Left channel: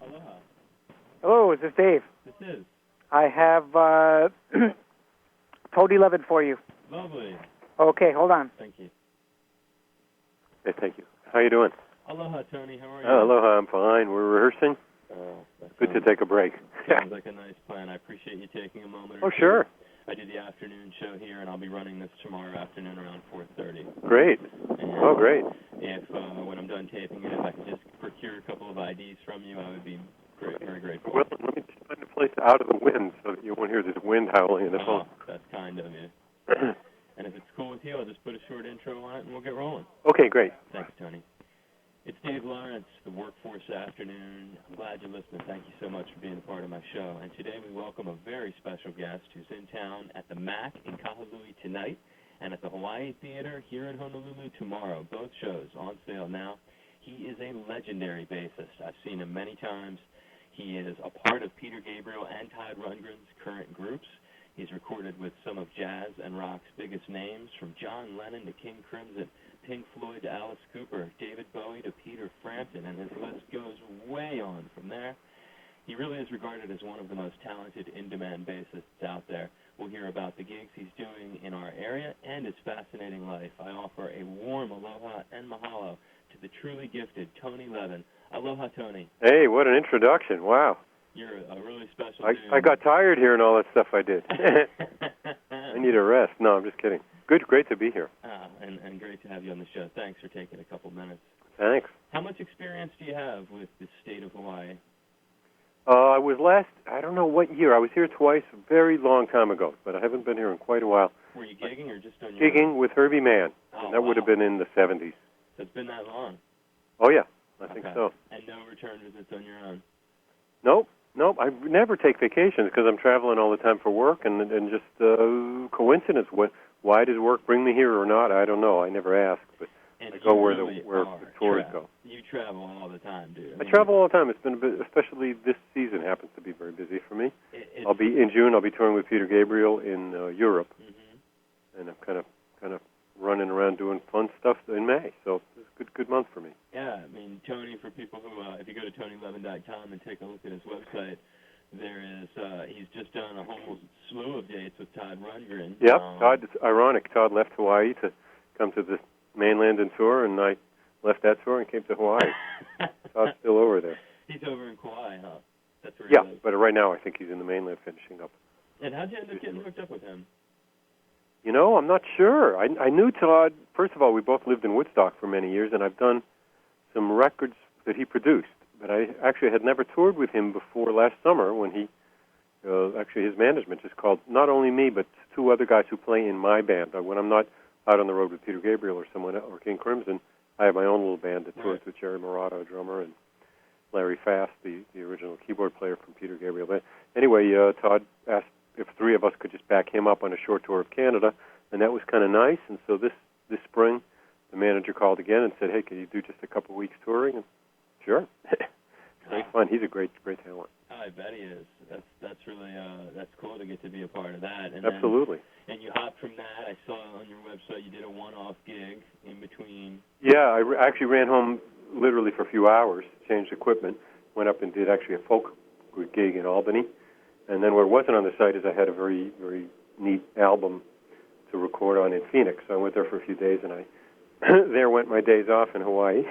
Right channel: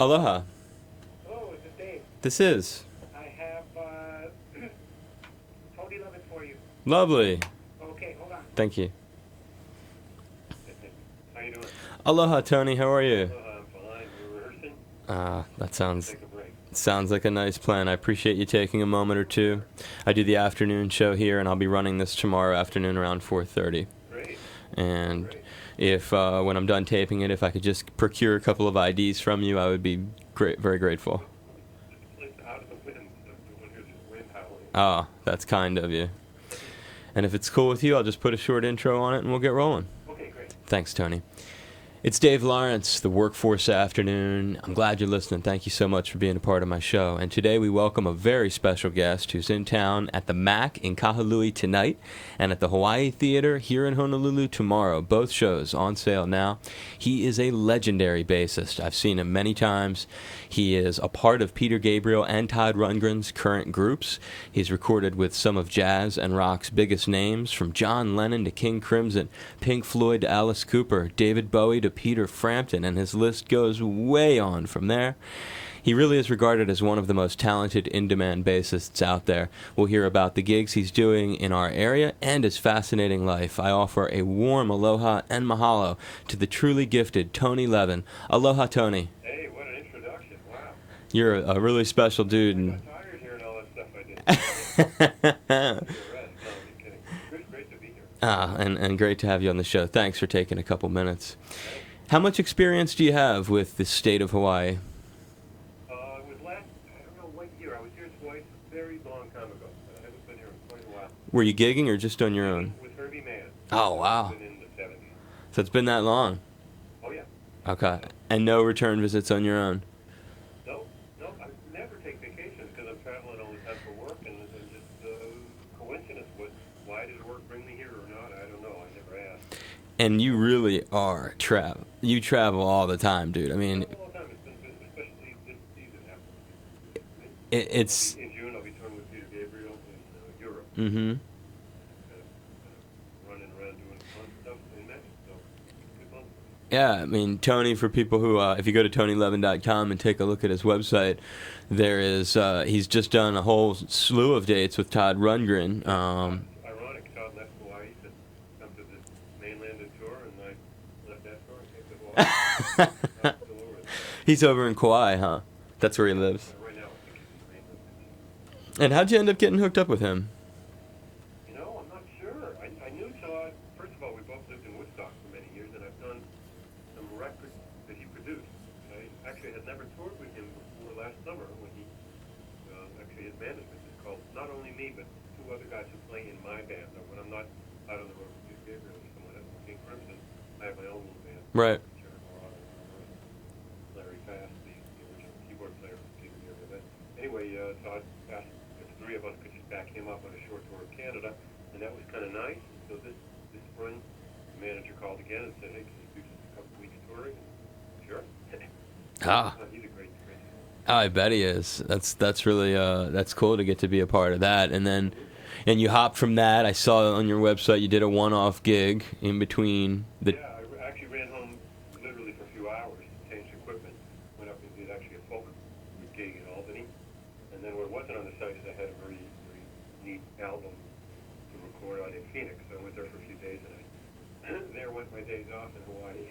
Aloha. Hello, is this Dave? This is. I have Tony Levin for you. Lovely. Okay, hold on. Thank you. Hey, thank you. How you doing? Aloha, Tony. How are you? Aloha, I'm fine. We're rehearsing. That Good to take a break. sounds like a nice plan. I appreciate you taking a moment or two. Sure. I do the afternoon show here, and I'll be running this tomorrow afternoon around 4:30. Great. And great. If when I'm done taping it, if I could just procure a couple of IDs from you, I would be very grateful. Well, let me just find a place out of the wind so that you won't hear this wind howling in the phone. That's kind of you. And if it's cool with you, I'll just put a short intro on it, and we'll get rolling. Okay, great. Thanks, Tony. It's Dave Lawrence, the Workforce Afternoon. I'm glad you're listening. Thank you so much for being a part of my show. And today we welcome a very special guest who's in town at the MAC in Kahului tonight and at the Hawaii Theater here in Honolulu tomorrow. Both shows on sale now. He is a legendary bassist. I've seen him many times. He is a part of Peter Gabriel and Todd Rundgren's current groups. He's recorded with some of jazz and rock's biggest names, from John Lennon to King Crimson, Pink Floyd to Alice Cooper, David Bowie to Peter Frampton, and his list goes way on from there. He really is regarded as one of the most talented in-demand bassists out there. We'll hear about the gigs he's doing in our area and his fascinating life. I offer a warm aloha and mahalo to the truly gifted Tony Levin. Aloha, Tony. Hey, what an introduction. Wow. You're a really special dude. I got tired hearing all that stuff I did. I need a rest. No, I'm just kidding. Great to be here. And great to have you on the show. Thanks for taking a couple minutes. Thanks. How much experience do you have with the state of Hawaii? I was I don't know what year. I was here twice a very long time ago, but I haven't been here in quite a while. Were you gigging or just on your own? Gigging with Herbie Mann. Oh, that wow. would have been in the 70s. So it's been that long? Oh, yeah. I Okay. think so. And no return visits on your own? Nope. I never take vacations because I'm traveling all the time for work, and just coincidence. Why does work bring me here or not? I don't know. I never asked. But and you really are travel. You travel all the time, dude. I travel all the time. It's been a bit, especially this season happens to be very busy for me. In June. I'll be touring with Peter Gabriel in Europe, and I'm kind of running around doing fun stuff in May. So it's a good month for me. Yeah, I mean, Tony, for people who, if you go to TonyLevin.com and take a look at his website, there is, he's just done a whole slew of dates with Todd Rundgren. Yeah, it's ironic. Todd left Hawaii to come to the mainland and tour, and I left that tour and came to Hawaii. Todd's still over there. He's over in Kauai, huh? That's where he lives. But right now I think he's in the mainland finishing up. And how'd you end up getting hooked up with him? You know, I'm not sure. I knew Todd. First of all, we both lived in Woodstock for many years, and I've done some records that he produced. But I actually had never toured with him before last summer when he, actually his management just called not only me, but two other guys who play in my band. When I'm not out on the road with Peter Gabriel or someone or King Crimson, I have my own little band that tours with Jerry Murata, a drummer, and Larry Fast, the original keyboard player from Peter Gabriel. But anyway, Todd asked if three of us could just back him up on a short tour of Canada, and that was kind of nice. And so this spring, the manager called again and said, "Hey, can you do just a couple weeks touring?" And sure. Fun. He's a great talent. I bet he is. That's really that's cool to get to be a part of that. And absolutely. And you hopped from that. I saw on your website you did a one-off gig in between. Yeah, I actually ran home literally for a few hours, changed equipment, went up and did actually a folk gig in Albany, and then what wasn't on the site is I had a very very neat album to record on in Phoenix. So I went there for a few days, and I there went my days off in Hawaii.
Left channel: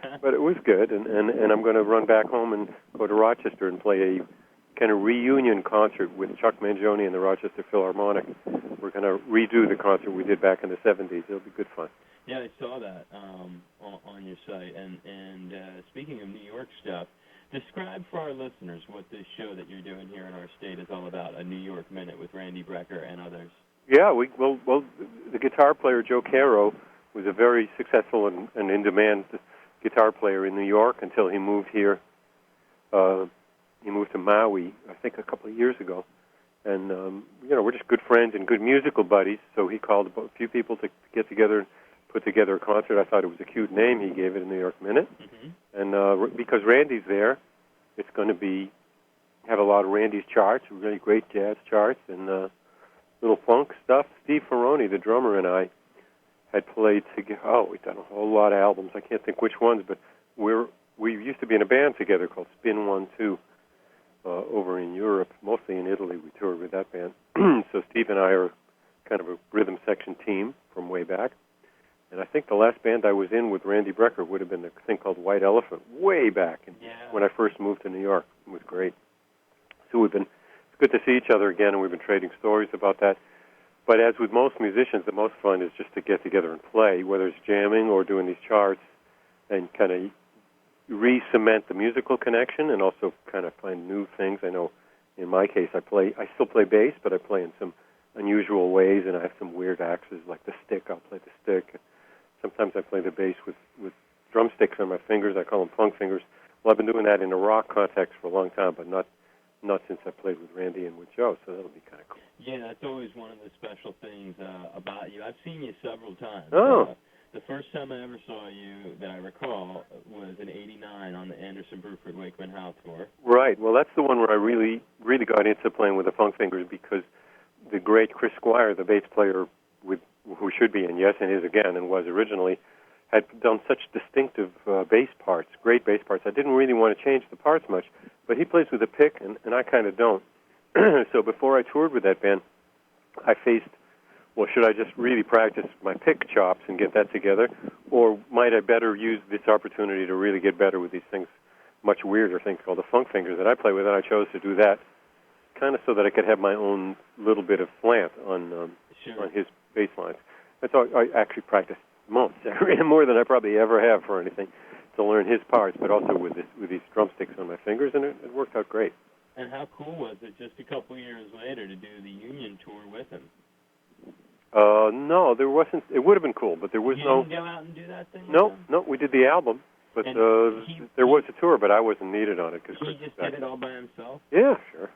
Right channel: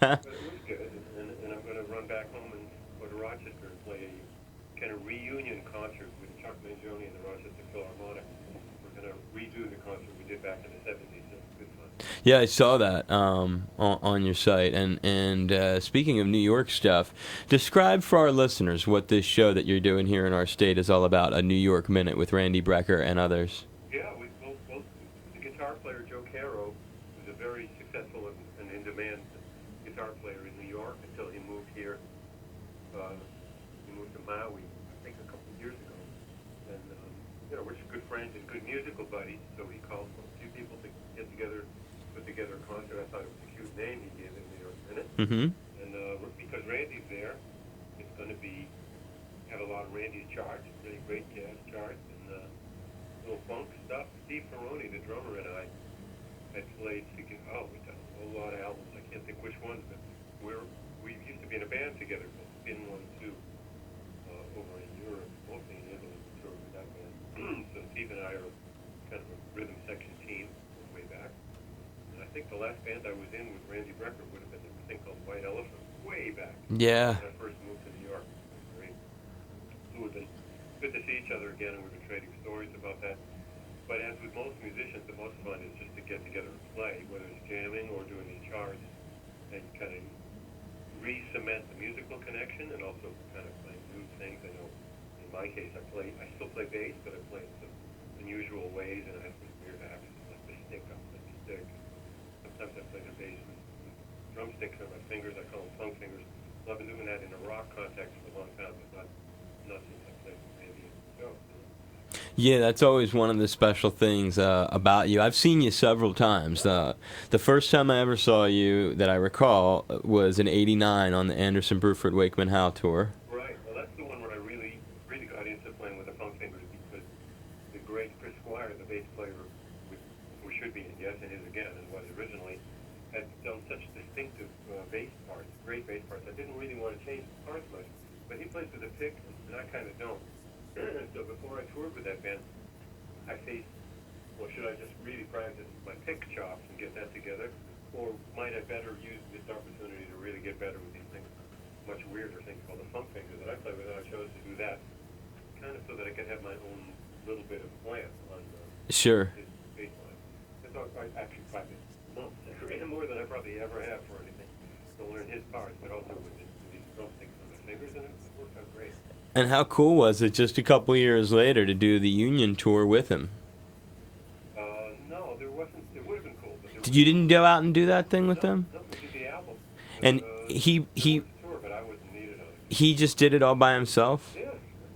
But it was good, and I'm going to run back home and go to Rochester and play a kind of reunion concert with Chuck Mangione and the Rochester Philharmonic. We're going to redo the concert we did back in the 70s. It'll be good fun. Yeah, I saw that on your site. And speaking of New York stuff, describe for our listeners what this show that you're doing here in our state is all about, a New York Minute with Randy Brecker and others. Yeah, well, the guitar player Joe Caro was a very successful and in-demand guitar player in New York until he moved here. He moved to Maui, I think, a couple of years ago. And, we're just good friends and good musical buddies, so he called a few people to get together and put together a concert. I thought it was a cute name. He gave it a New York Minute. Mm-hmm. And because Randy's there, it's going to have a lot of Randy's charts, really great jazz charts, and little funk stuff. Steve Ferroni, the drummer, and I had played together. Oh, we've done a whole lot of albums. I can't think which ones, but we're we used to be in a band together called Spin 1-2 over in Europe, mostly in Italy. We toured with that band. So Steve and I are kind of a rhythm section team from way back. And I think the last band I was in with Randy Brecker would have been a thing called White Elephant, way back when I first moved to New York. It was great. So it's good to see each other again, and we've been trading stories about that. But as with most musicians, the most fun is just to get together and play, whether it's jamming or doing these charts, and kind of re-cement the musical connection and also kind of find new things. I know in my case I still play bass, but I play in some unusual ways, and I have some weird axes like the stick. I'll play the stick. Sometimes I play the bass with drumsticks on my fingers. I call them funk fingers. Well, I've been doing that in a rock context for a long time, but not since I played with Randy and with Joe, so that'll be kind of cool. Yeah, that's always one of the special things about you. I've seen you several times. Oh. The first time I ever saw you that I recall was in '89 on the Anderson, Bruford, Wakeman Howe tour. Right. Well, that's the one where I really, really got into playing with the funk fingers, because the great Chris Squire, the bass player who should be in Yes and Is Again and was originally, had done such distinctive bass parts, great bass parts. I didn't really want to change the parts much, but he plays with a pick, and I kind of don't. So before I toured with that band, I faced, well, should I just really practice my pick chops and get that together, or might I better use this opportunity to really get better with these things, much weirder things called the funk fingers that I play with, and I chose to do that kind of so that I could have my own little bit of slant on his bass lines. That's all. I actually practiced months, more than I probably ever have for anything, to learn his parts, but also with these drumsticks on my fingers, and it worked out great. And how cool was it just a couple years later to do the Union tour with him? No, there wasn't. It would have been cool, but there was You didn't go out and do that thing with them? No, we did the album. But And there was a tour, but I wasn't needed on it. He just did it all by himself? Yeah, sure.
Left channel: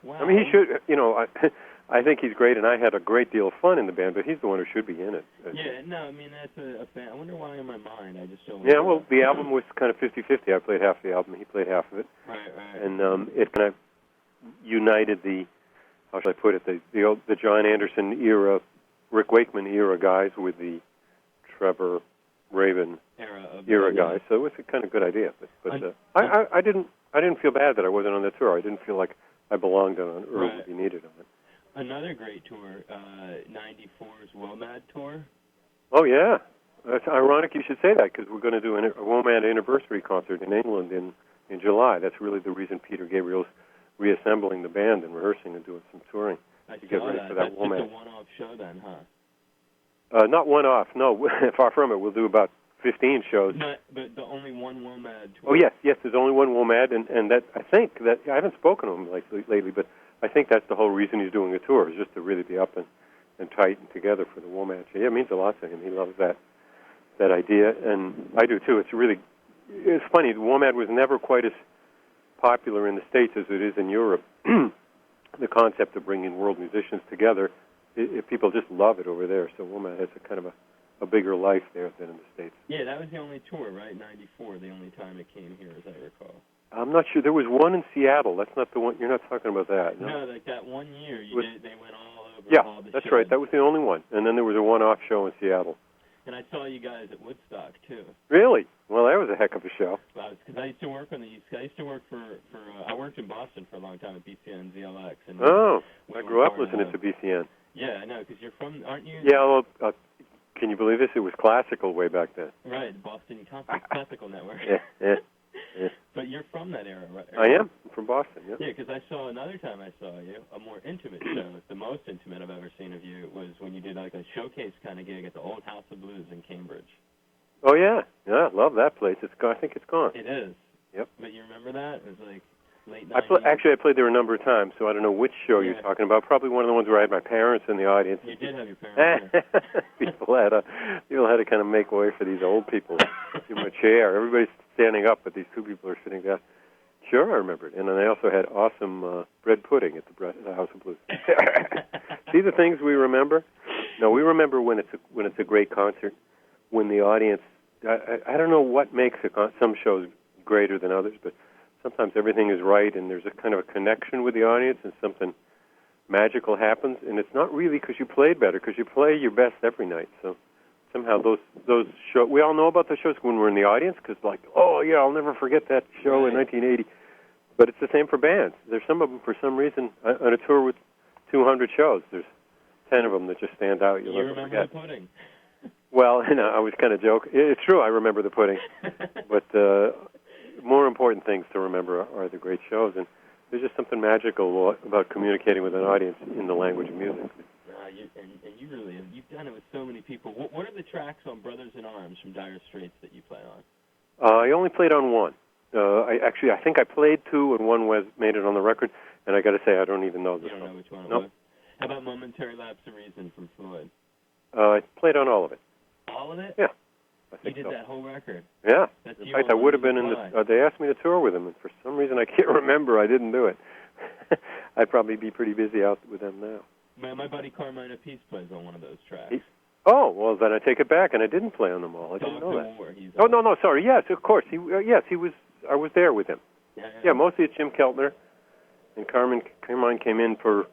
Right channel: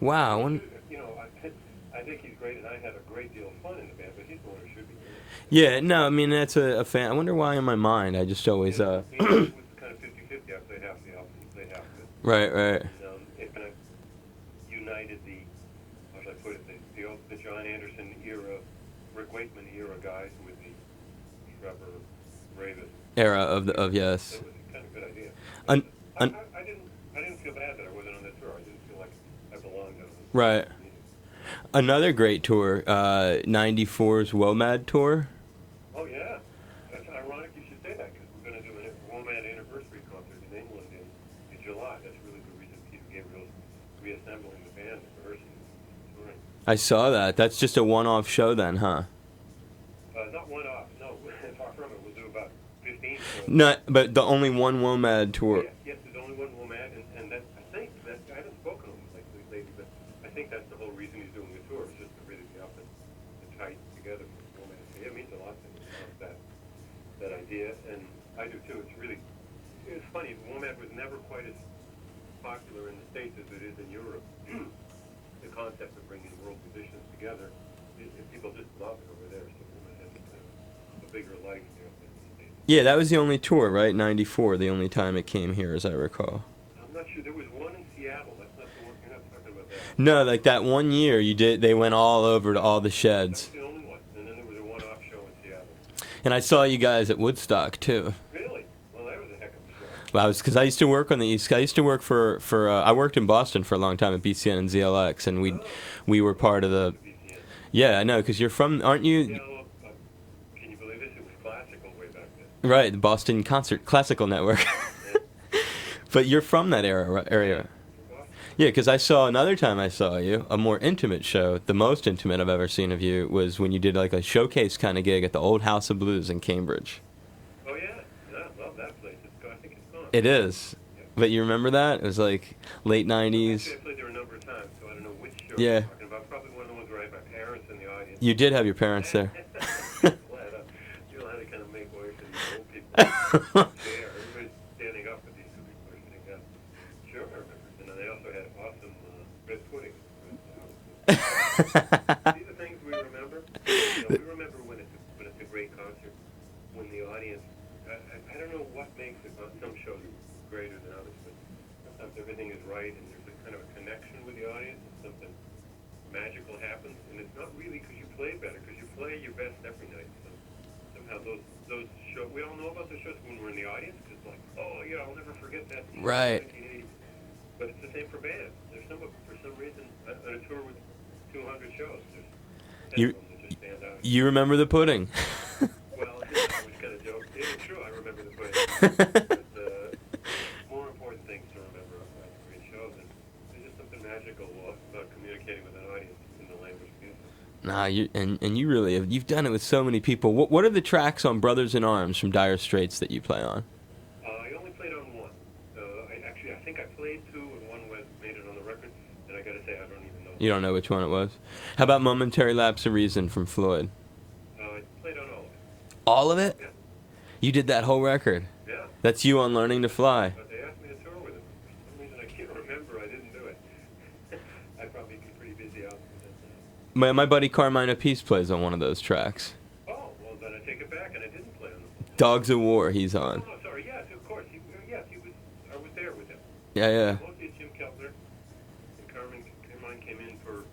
Wow. I mean, he should, I think he's great, and I had a great deal of fun in the band, but he's the one who should be in it. Yeah, no, I mean, that's a fan. I wonder why in my mind I just always... Yeah, well, the album was kind of 50-50. I played half the album, he played half of it. Right. And it kind of united how should I put it, the John Anderson era, Rick Wakeman era guys with the Trevor Rabin era of the guys. yes. So it was a kind of good idea. But, I didn't feel bad that I wasn't on the tour. I didn't feel like I belonged on it or Right. needed it. Another great tour, 94's WOMAD tour. Oh, yeah. That's ironic you should say that, because we're going to do a WOMAD anniversary concert in England in July. That's really the reason Peter Gabriel's reassembling the band and rehearsing and doing some touring. I saw that. That's just a one-off show then, huh? Not one-off. No, far from it. We'll do about 15 shows. No, but the only one WOMAD tour. Oh, yes. There's only one WOMAD, and that I think that I haven't spoken to him lately, but I think that's the whole reason he's doing a tour, is just to really be up and tight and together for the WOMAD. So, yeah, it means a lot to him. He loves that idea, and I do too. It's funny. The WOMAD was never quite as popular in the States as it is in Europe. The concept of bringing world musicians together, people just love it over there. So WOMAD has a kind of a bigger life there than in the States. Yeah, that was the only tour, right? 94, the only time it came here, as I recall. I'm not sure. There was one in Seattle. That's not the one. You're not talking about that. No, like that one year they went all over all the that's sheds. Right. That was the only one. And then there was a one-off show in Seattle. And I saw you guys at Woodstock, too. Really? Well, that was a heck of a show. Well, because I used to work on the East Coast. I used to work for I worked in Boston for a long time at BCN and ZLX, and we were part of the... BCN. Yeah, I know, because you're from, aren't you? Yeah, well, can you believe this? It was classical way back then. Right, the Boston Classical Network. Yeah. But you're from that era, right? I am from Boston. Yeah, because I saw another time I saw you, a more intimate show. The most intimate I've ever seen of you was when you did like a showcase kind of gig at the Old House of Blues in Cambridge. Oh yeah, I love that place. I think it's gone. It is. Yep. But you remember that? It was like late 90s. Actually, I played there a number of times, so I don't know which show you're talking about. Probably one of the ones where I had my parents in the audience. You did have your parents there. People had to kind of make way for these old people in a chair. Everybody's standing up, but these two people are sitting down. Sure, I remember it. And then they also had awesome bread pudding at the House of Blues. See the things we remember? No, we remember when it's a great concert, when the audience. I don't know what makes some shows greater than others, but sometimes everything is right, and there's a kind of a connection with the audience, and something magical happens. And it's not really because you played better, because you play your best every night. So somehow those shows. We all know about those shows when we're in the audience because, like, oh yeah, I'll never forget that show Right. in 1980. But it's the same for bands. There's some of them for some reason on a tour with 200 shows. There's 10 of them that just stand out. You remember the pudding. Well, I was kind of joking. It's true, I remember the pudding. But more important things to remember are the great shows. And there's just something magical about communicating with an audience in the language of music. Nah, you really have. You've done it with so many people. What are the tracks on Brothers in Arms from Dire Straits that you play on? I only played on one. I think I played two, and one made it on the record. And I got to say, I don't even know. You don't know which one it was? How about Momentary Lapse of Reason from Floyd? I played on all of it. All of it? Yeah. You did that whole record? Yeah. That's you In fact, on Learning to Fly. They asked me to tour with them, and for some reason I can't remember. I didn't do it. I'd probably be pretty busy out with them now. My buddy Carmine Apiece plays on one of those tracks. Oh, well, then I take it back, and I didn't play on them all. Dogs of War, he's on. Oh, no, sorry. Yes, of course. He was. I was there with him. Yeah. Yeah, mostly it's Jim Keltner, and Carmine came in for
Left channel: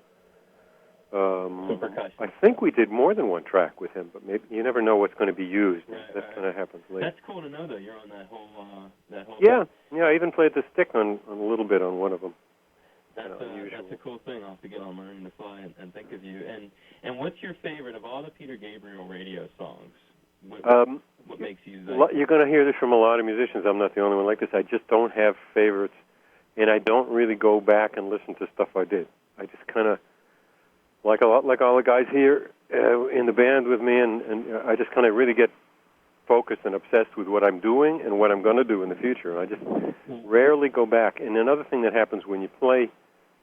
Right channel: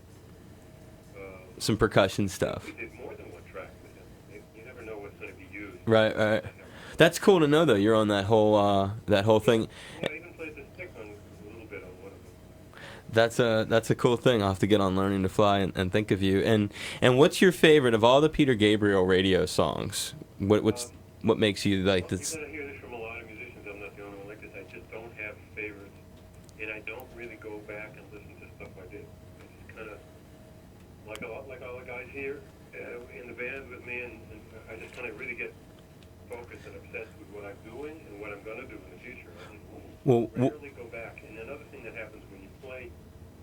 some percussion I stuff. I think we did more than one track with him, but maybe, you never know what's going to be used. Right. Kinda happens later. That's cool to know, though. You're on that whole Yeah, thing. yeah. I even played the stick on a little bit on one of them. That's a cool thing. I'll have to get on Learning to Fly and think of you. And what's your favorite of all the Peter Gabriel radio songs? What makes you like this? You're going to hear this from a lot of musicians. I'm not the only one like this. I just don't have favorites, and I don't really go back and listen to stuff I did. I just kind of like all the guys here in the band with me, and I just kind of really get focused and obsessed with what I'm doing and what I'm going to do in the future. I just rarely go back. And another thing that happens when you play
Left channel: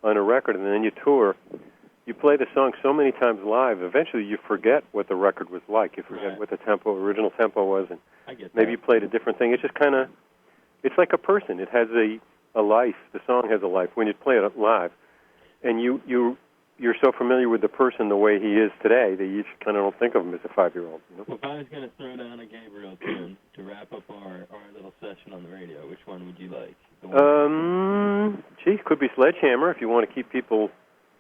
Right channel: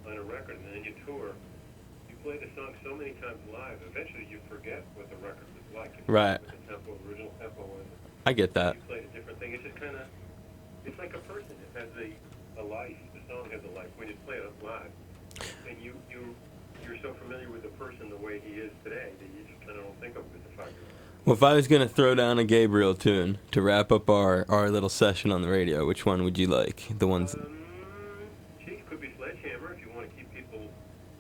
on a record and then you tour, you play the song so many times live, eventually you forget what the record was like. You forget what the original tempo was. And I get that. Maybe you played a different thing. It's just kind of, it's like a person. It has a life. The song has a life. When you play it live, and you're so familiar with the person the way he is today that you just kind of don't think of him as a 5-year-old. You know? Well, if I was going to throw down a Gabriel tune to wrap up our little session on the radio, which one would you like? The ones. Could be Sledgehammer if you want to keep people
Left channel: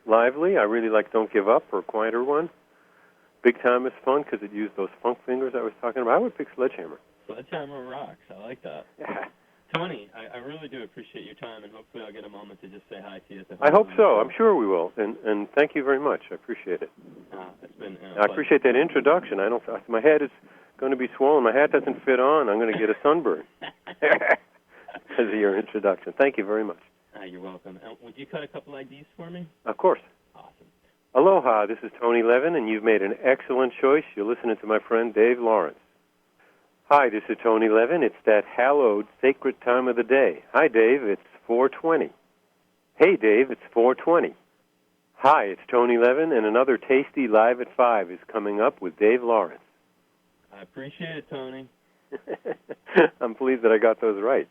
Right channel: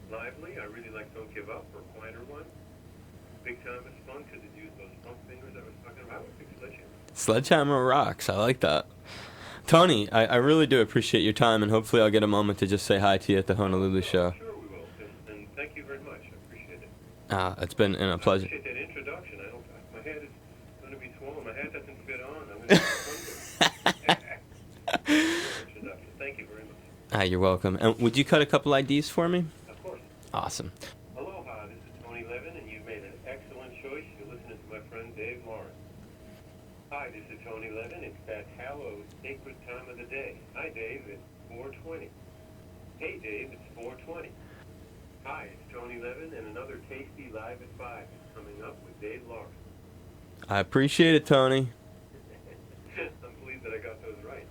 lively. I really like Don't Give Up, or a quieter one. Big Time is fun because it used those funk fingers I was talking about. I would pick Sledgehammer. Sledgehammer rocks. I like that. Yeah. Tony, I really do appreciate your time, and hopefully I'll get a moment to just say hi to you at the I hope Honolulu so. show. I'm sure we will. And thank you very much. I appreciate it. It's been a I pleasure. appreciate that introduction. My head is going to be swollen. My hat doesn't fit on. I'm going to get a sunburn because of your introduction. Thank you very much. You're welcome. And would you cut a couple IDs for me? Of course. Awesome. Aloha, this is Tony Levin, and you've made an excellent choice. You're listening to my friend Dave Lawrence. Hi, this is Tony Levin. It's that hallowed, sacred time of the day. Hi, Dave. It's 4:20. Hey, Dave. It's 4:20. Hi, it's Tony Levin, and another tasty Live at 5 is coming up with Dave Lawrence. I appreciate it, Tony. I'm pleased that I got those right.